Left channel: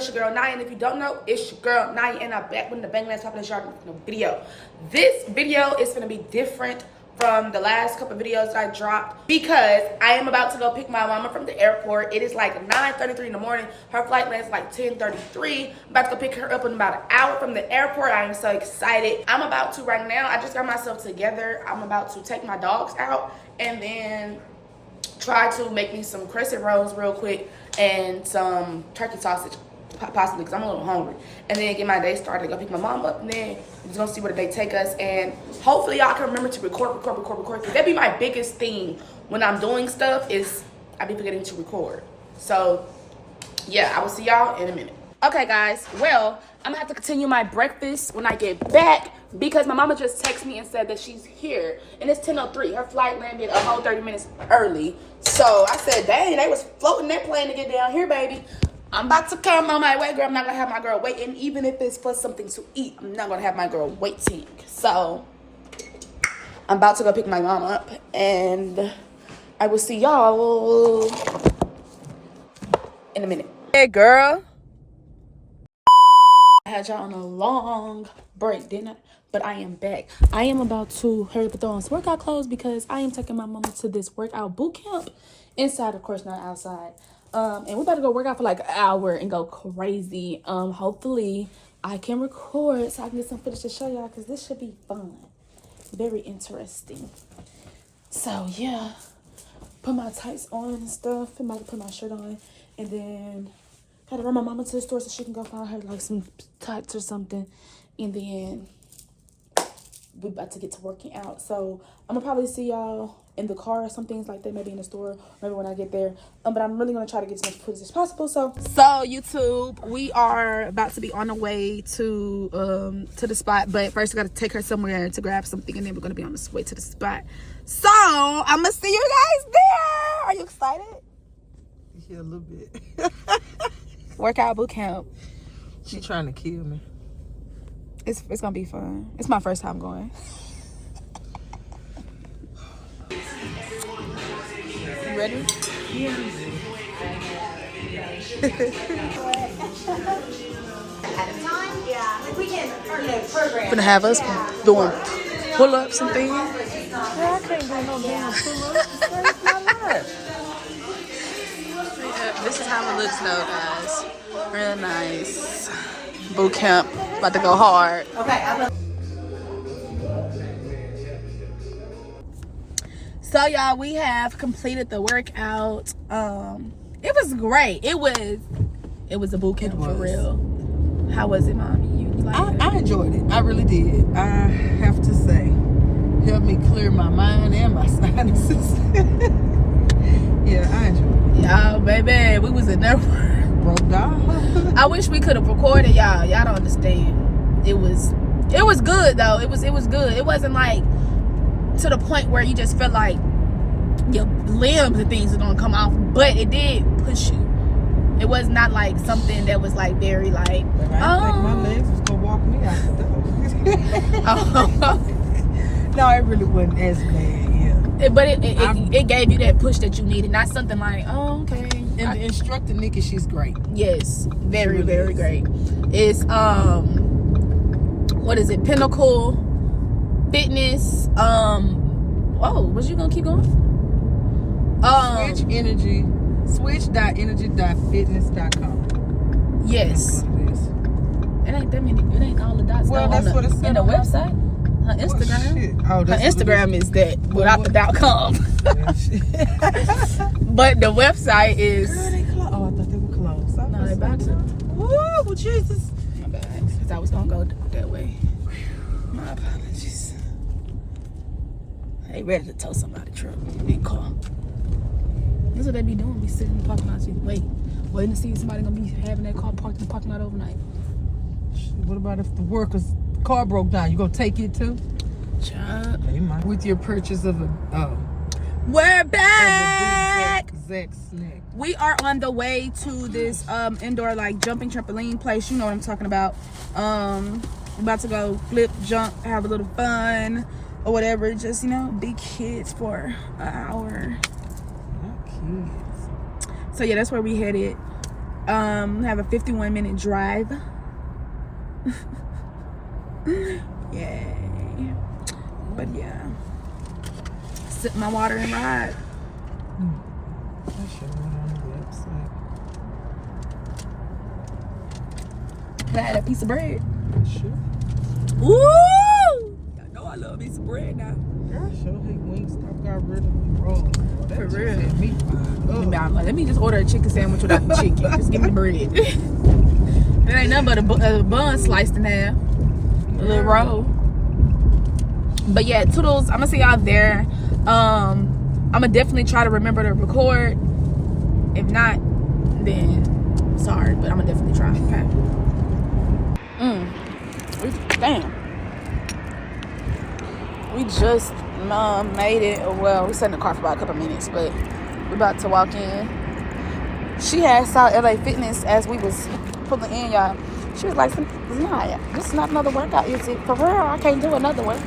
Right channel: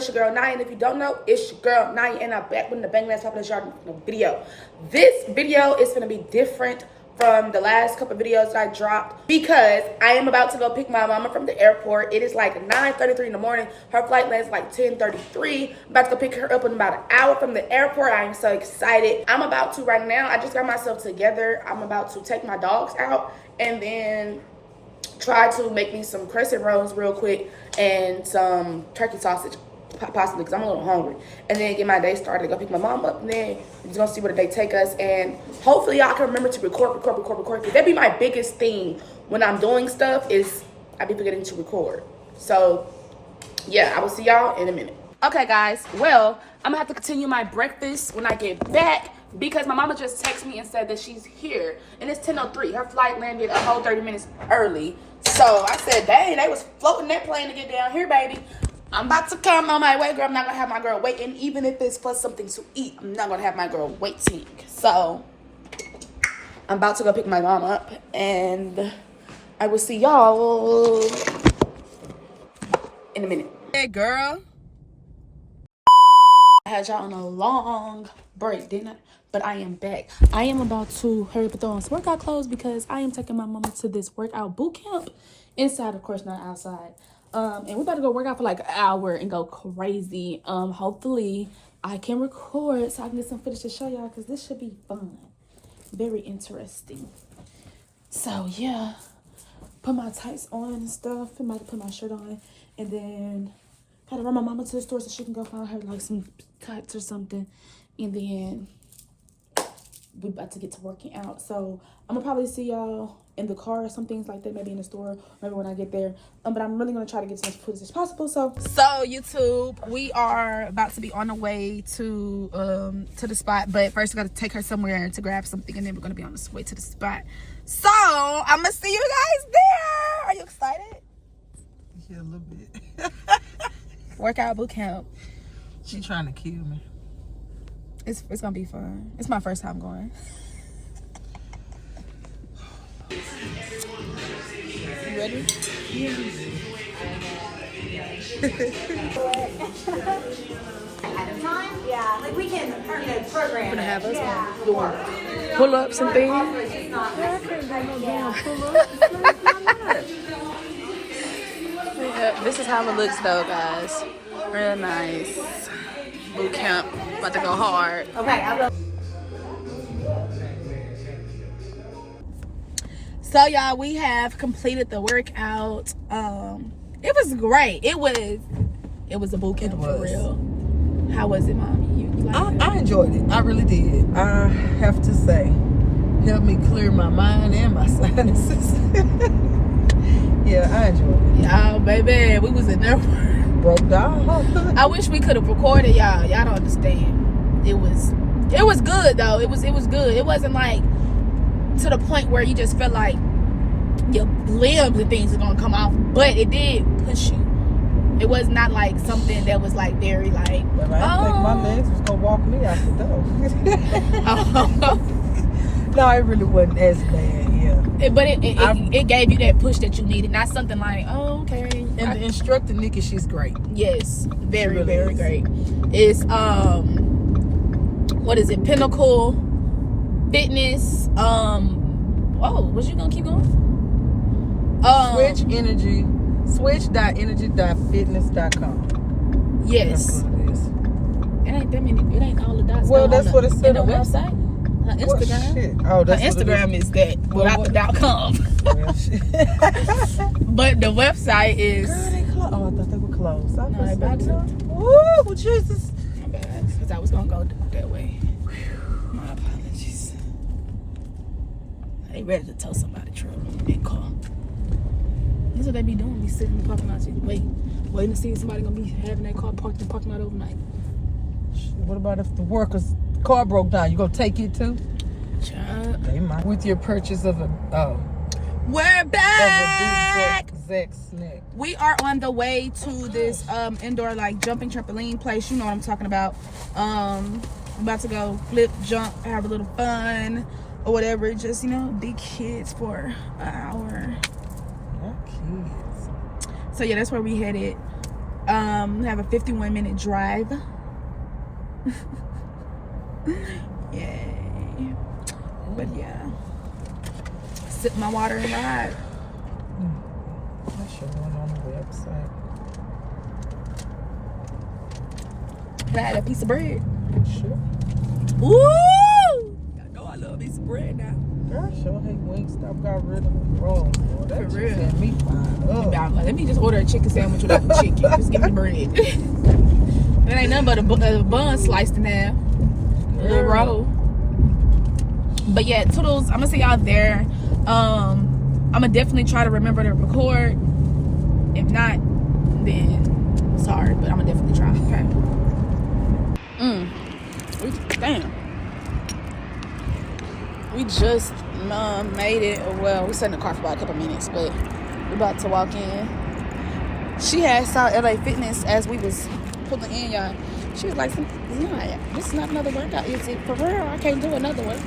it's your girl Naya, and if you don't know, it's your girl Naya, and I'm back with the bang last popular yard video. This video is gonna be different from the last couple of videos that I dropped because I am about to go pick my mama from the airport. It is like 9:33 in the morning. Her flight lands like 10:33. I'm about to go pick her up in about an hour from the airport. I am so excited. I'm about to right now. I just got myself together. I'm about to take my dogs out and then try to make me some crescent rolls real quick and some turkey sausage, possibly, because I'm a little hungry. And then get my day started, go pick my mom up, and then we're just gonna see where the day take us. And hopefully y'all can remember to record, because that'd be my biggest thing when I'm doing stuff is I be forgetting to record. So yeah, I will see y'all in a minute. Okay guys, well, I'm gonna have to continue my breakfast when I get back because my mama just texted me and said that she's here, and it's 10:03. Her flight landed a whole 30 minutes early. So I said, dang, they was floating that plane to get down here, baby. I'm about to come on my way, girl. I'm not gonna have my girl waiting, even if it's for something to eat. I'm not gonna have my girl waiting. So I'm about to go pick my mom up, and I will see y'all in a minute. Hey, girl. I had y'all on a long break, didn't I? But I am back. I am about to hurry up and throw on some workout clothes because I am taking my mama to this workout boot camp. Inside, of course, not outside. And we're about to go work out for like an hour and go crazy. Hopefully I can record so I can get some footage to show y'all because this should be fun. Very interesting. So yeah, put my tights on and stuff. I'm about to put my shirt on and then gotta run my mama to the store so she can go find her like some tights or something. And then we're about to get to working out. So I'm gonna probably see y'all in the car or some things like that, maybe in the store, maybe when I get there. But I'm really gonna try to get as much footage as possible. So YouTube, we are about to be on the way to the spot, but first we gotta take her somewhere to grab something, and then we're gonna be on the way to the spot. So I'm gonna see you guys there. Are you excited? Yeah, a little bit. Workout boot camp. She trying to kill me. It's gonna be fun. It's my first time going. You ready? Yeah. Gonna have us doing pull-ups and things. I can't do no damn pull-ups. Yeah, this is how it looks though, guys. Real nice. Boot camp. About to go hard. So y'all, we have completed the workout. It was great. It was a boot camp for real. How was it, Mom? You liked it? I enjoyed it. I really did. I have to say, helped me clear my mind and my sinuses. Yeah, I enjoyed it. Y'all, baby, we was in there. Broke down. I wish we could have recorded, y'all. Y'all don't understand. It was good though. It was good. It wasn't like to the point where you just felt like your limbs and things are gonna come off, but it did push you. It was not like something that was like very like. But I think my legs was gonna walk me out the door. No, it really wasn't as bad. Yeah. But it gave you that push that you needed, not something like, oh, okay. And the instructor Nikki, she's great. Yes, very really very is. great. It's what is it? Pinnacle Fitness. Oh, was you gonna keep going? Switch.energy.fitness.com. Yes. It ain't that many. It ain't all the dots. Well, that's what it said in the on website. Her Instagram. Oh, Her that's Instagram is that without the .com. Well, shit. But the website is. Girl, they closed. Oh, I thought they were closed. No, they about to. Ooh, Jesus. My bad, because I was gonna go that way. My apologies. They ready to tow somebody's truck and car. That's what they be doing. Be sitting in the parking lot, waiting to see if somebody gonna be having that car parked in the parking lot overnight. What about if the worker's car broke down? You gonna take it too? Child. They might. With your purchase of a We're back. Zach snack. We are on the way to this indoor like jumping trampoline place. You know what I'm talking about. I'm about to go flip, jump, have a little fun or whatever. Just, you know, be kids for an hour. Not kids. So yeah, that's where we headed. Have a 51-minute drive. Yay. But yeah. Sip my water and ride. That should have went on the website. Can I add a piece of bread? Sure. Ooh! I know I love a piece of bread now. Girl, sure hate Wingstop got rid of the rolls. Boy, that For just real. had me fired up. Now, let me just order a chicken sandwich without the chicken. Just give me the bread. There ain't nothing but a bun sliced in half. A little roll. But yeah, toodles. I'm gonna see y'all there. I'm gonna definitely try to remember to record. If not, then sorry, but I'm gonna definitely try. Okay. Damn. We just made it. Well, we sat in the car for about a couple minutes, but we're about to walk in. She had saw LA Fitness as we was pulling in, y'all. She was like, "Nah, this is not another workout, is it? For real, I can't do another one."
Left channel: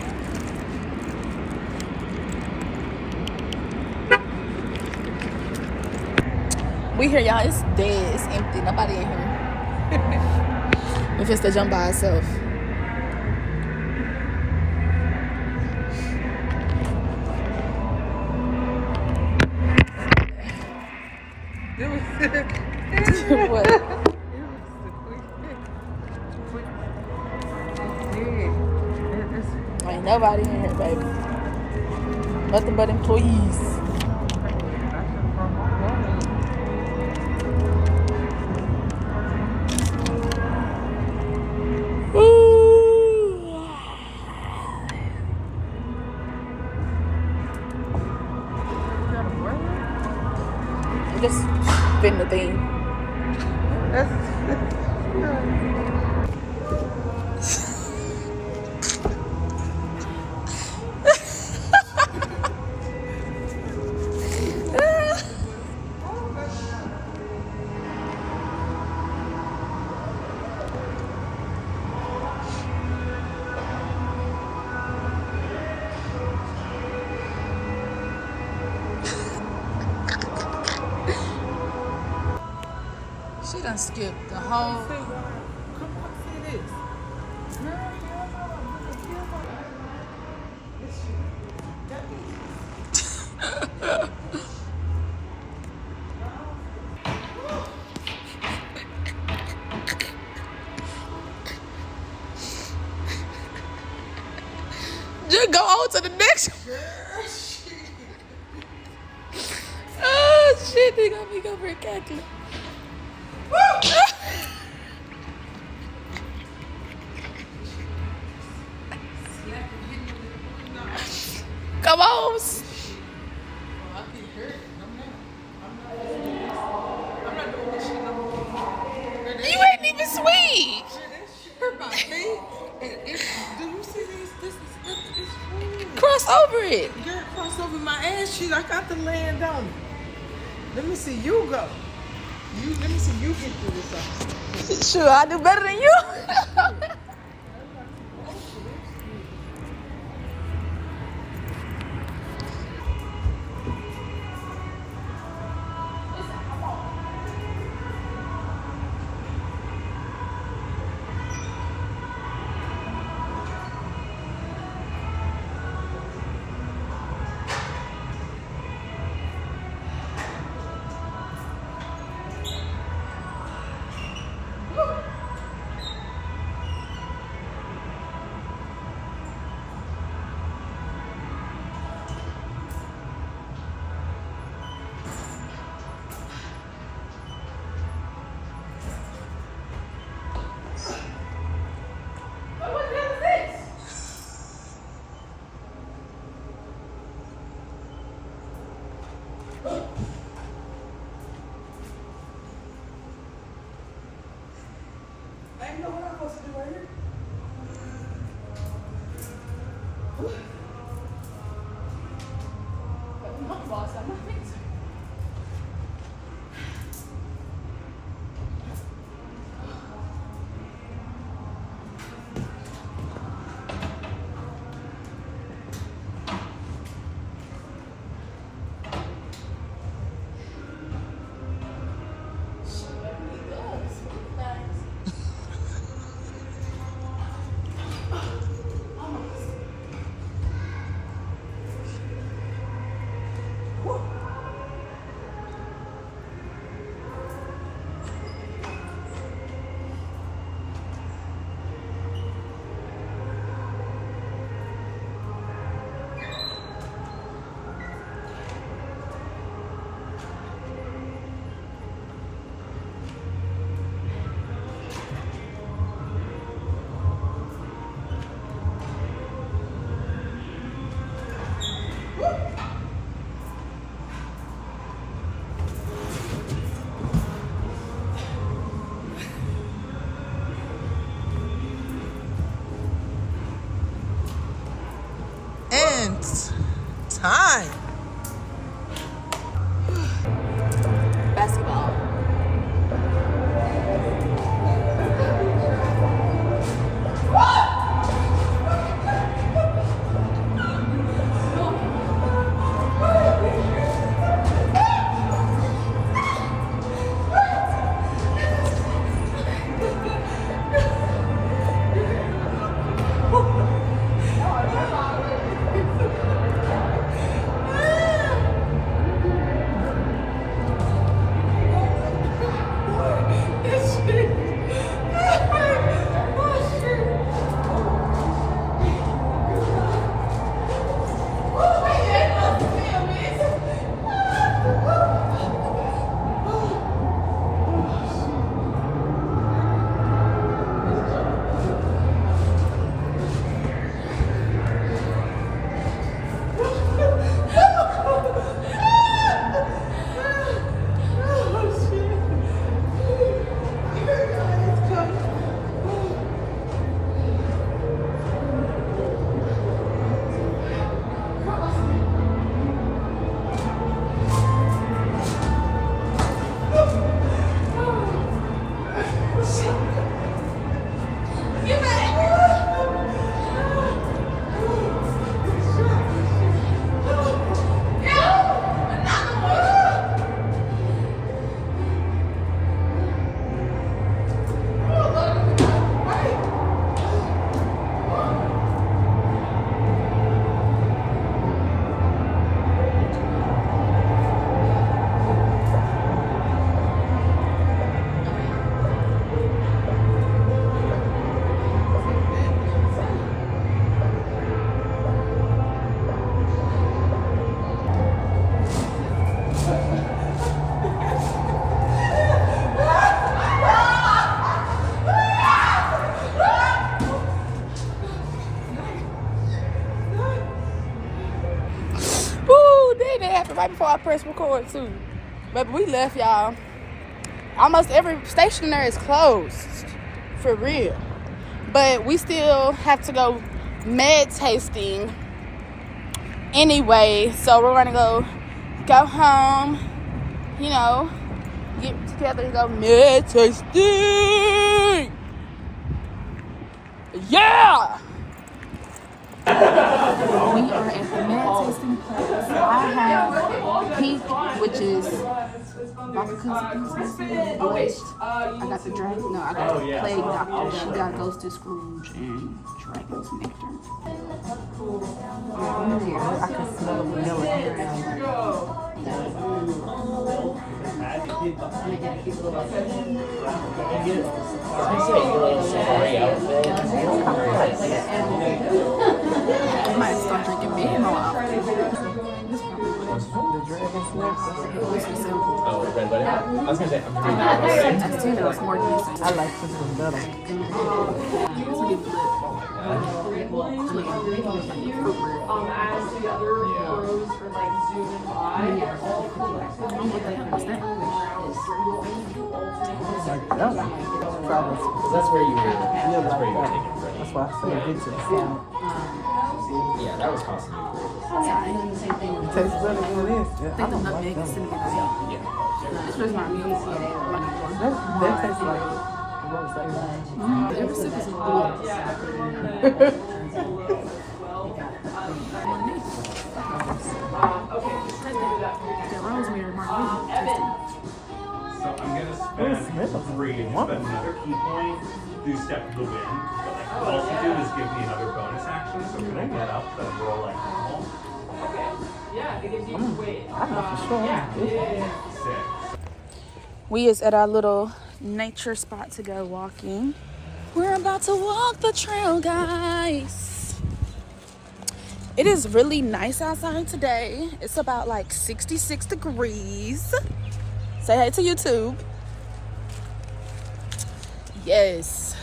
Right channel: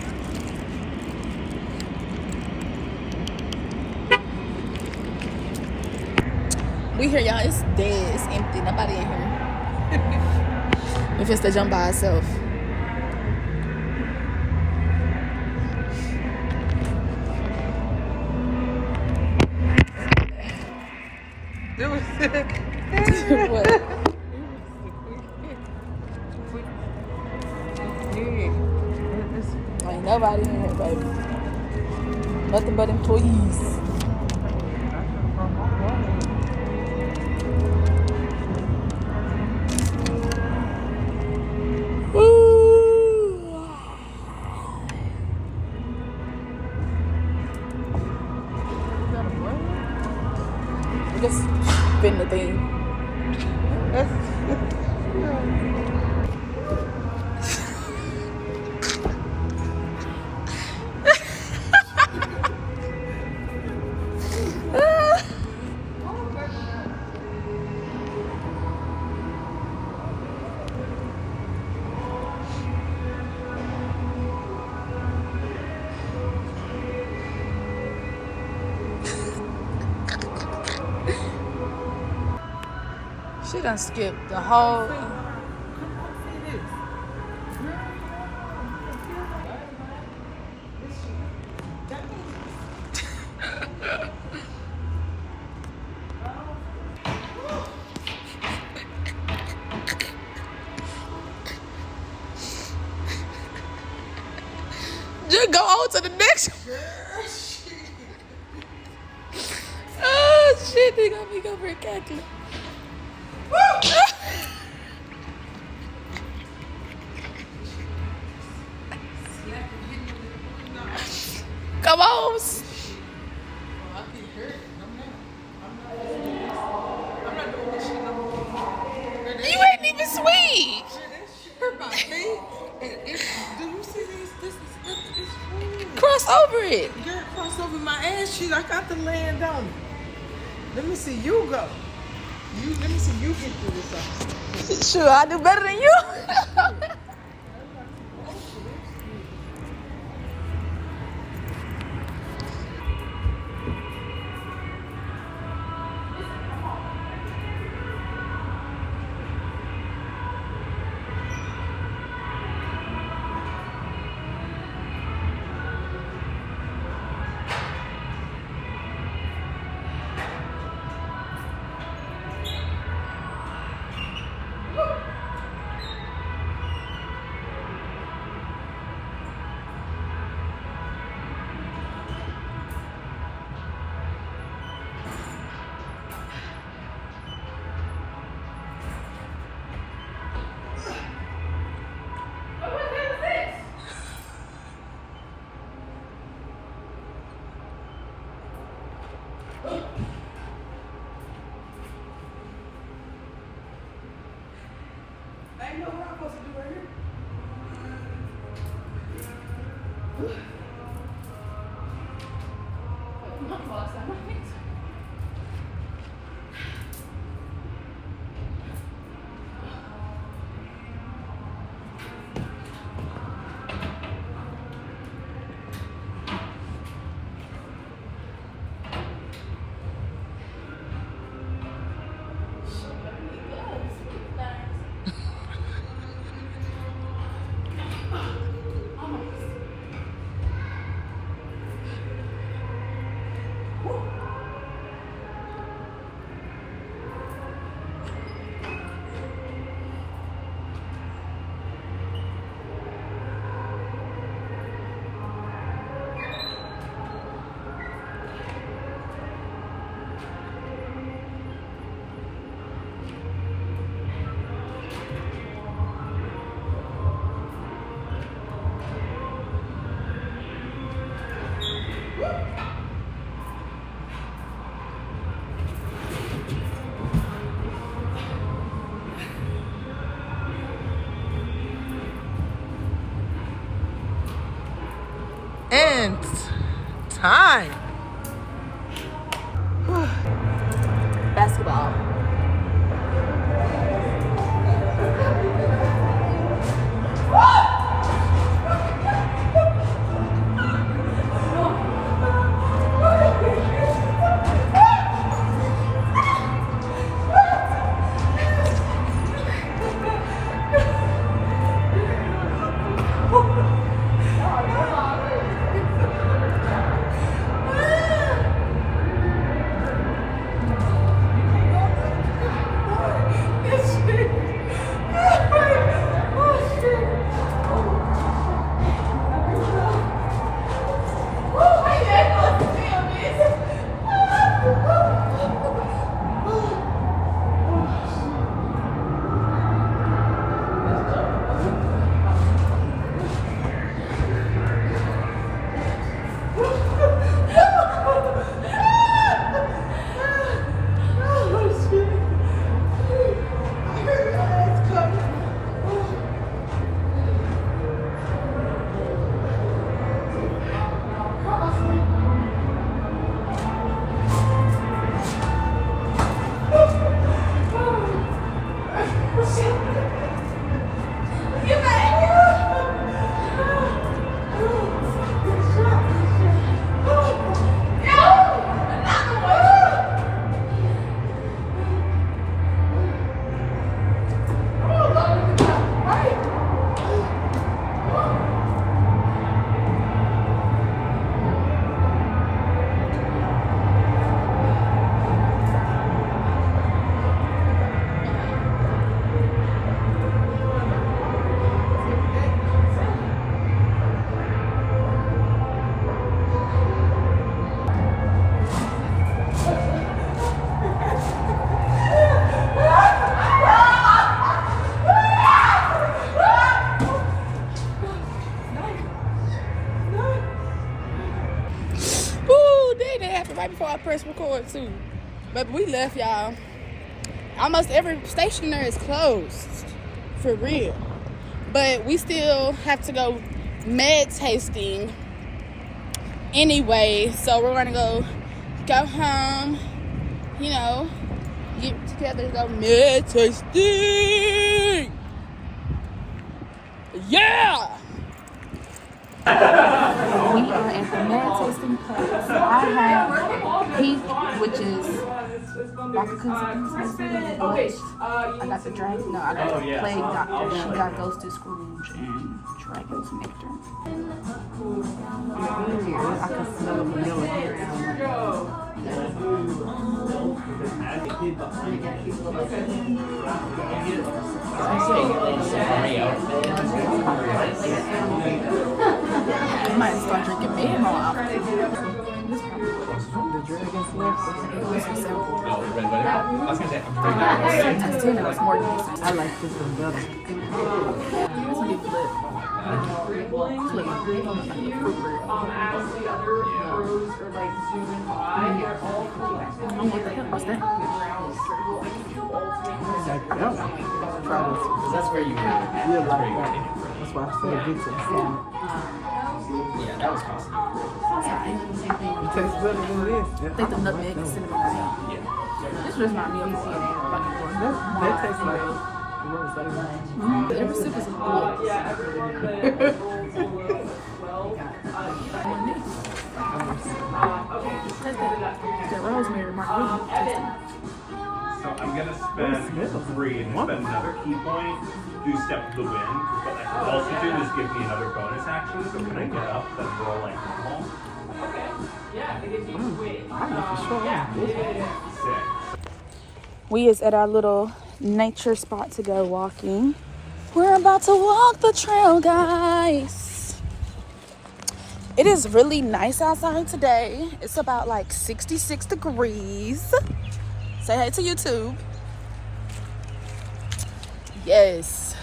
We here, y'all. It's dead. It's empty. Nobody in here. If it's to jump by itself. What? Ain't nobody in here, baby. Nothing but employees. Just spin the thing. She done skipped the whole. Just go on to the next one. Oh shit, they got me go for a cackle. Come on. You ain't even sweet. Do you see this? This is Cross over it. girl cross over my ass cheek. I got to land on it. Let me see you go. Let me see you get through this. Sure, I do better than you. And time. Basketball. Woo, dang, that happened right before I pressed record too. But we left, y'all. Almost every station there is closed. For real. But we still have to go med tasting anyway. So we're gonna go home, you know, get together and go med tasting. Yeah! We are at the med tasting place. I have Peak, which is vodka consequences. I got the dragon. No, I got the plague doctor. She got Ghosted Scrooge and Dragon's Nectar. I can smell the vanilla. I might start drinking beer more often. This probably The Dragon's Nectar. is a sample. I was gonna say, Tastina is more decent. I like this one better. It's a big blip. As the other pros are like zooming by, they're all collected. What's that? Like that one. Try this. that's where you were. You like that. That's why I said get to the sound. Yeah, that was possible. It tastes better than this. Yeah, I think the nutmeg and cinnamon are out. This just reminds me of that tastes like every sip is a blip. Yeah, everyone that rolls below 12. Okay, just remember that. That rosemary margarita. So I'm gonna spend 3 and spend another key point. Do Step to the Wind. What I could also do is give me another bonus action. So can I get up and roll like normal? Okay, yeah, it gives you weight. sure. Sick. We is at our little nature spot to go walking. We're about to walk the trail, guys. It is really nice outside today. It's about like 66 degrees. Say hey to YouTube. Yes.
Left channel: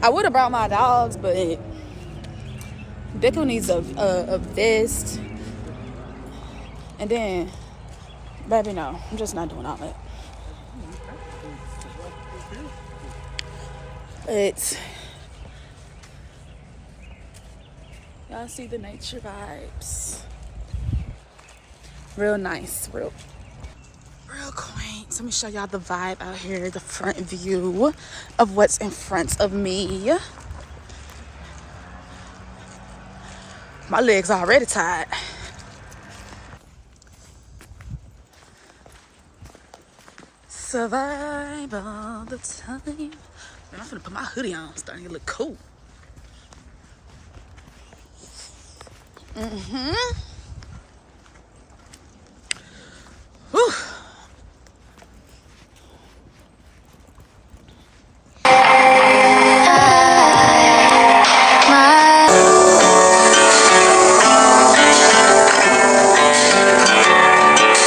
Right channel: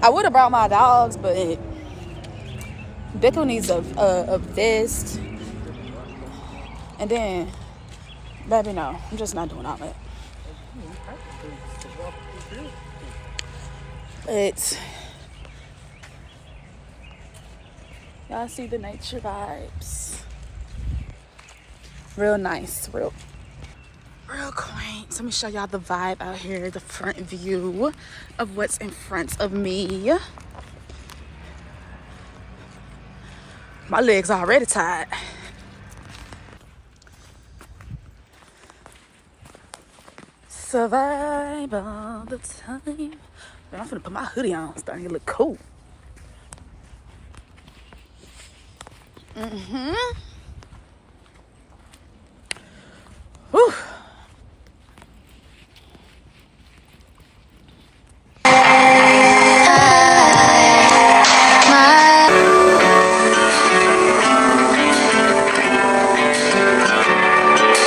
I would have brought my dogs, but Bickel needs a vest. And then, baby, no, I'm just not doing all that. But Y'all see the nature vibes. Real nice, real quaint. Let me show y'all the vibe out here, the front view of what's in front of me. My legs already tired. Survive all the time. I'm gonna put my hoodie on, starting to look cool. Whew.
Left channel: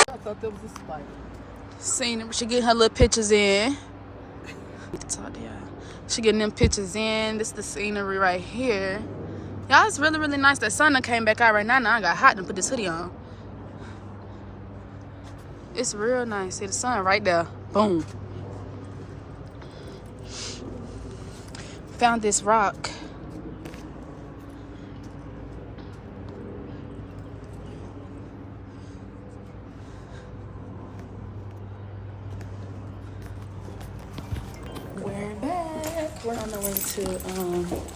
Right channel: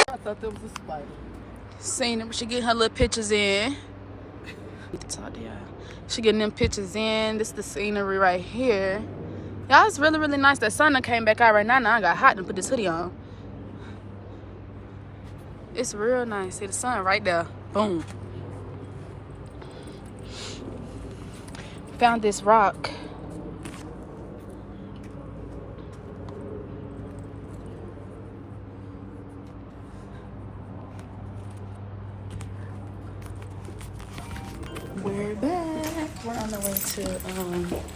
I thought that was a spider. Seen her, she getting her little pictures in. Talk to y'all. She getting them pictures in. This is the scenery right here. Y'all, it's really, really nice. That sun done came back out right now. Now I got hot and put this hoodie on. It's real nice. See the sun right there. Boom. Found this rock. We're back. We're on the way to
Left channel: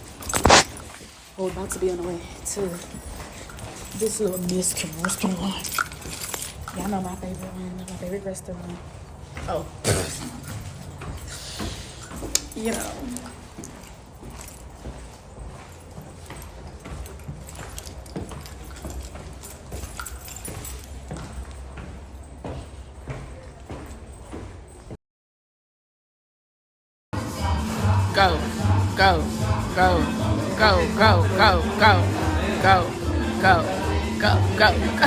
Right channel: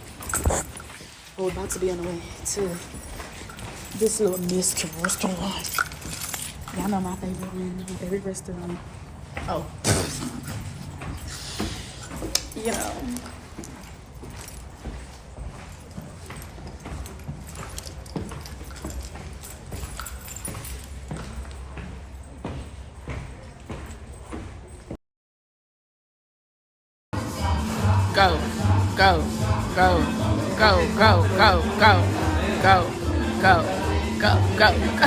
we're about to be on the way to this little Mexican restaurant. Y'all know my favorite one, my favorite restaurant. Oh. You know. Go, go, go, go, go, go, go, go, go, go, go, go.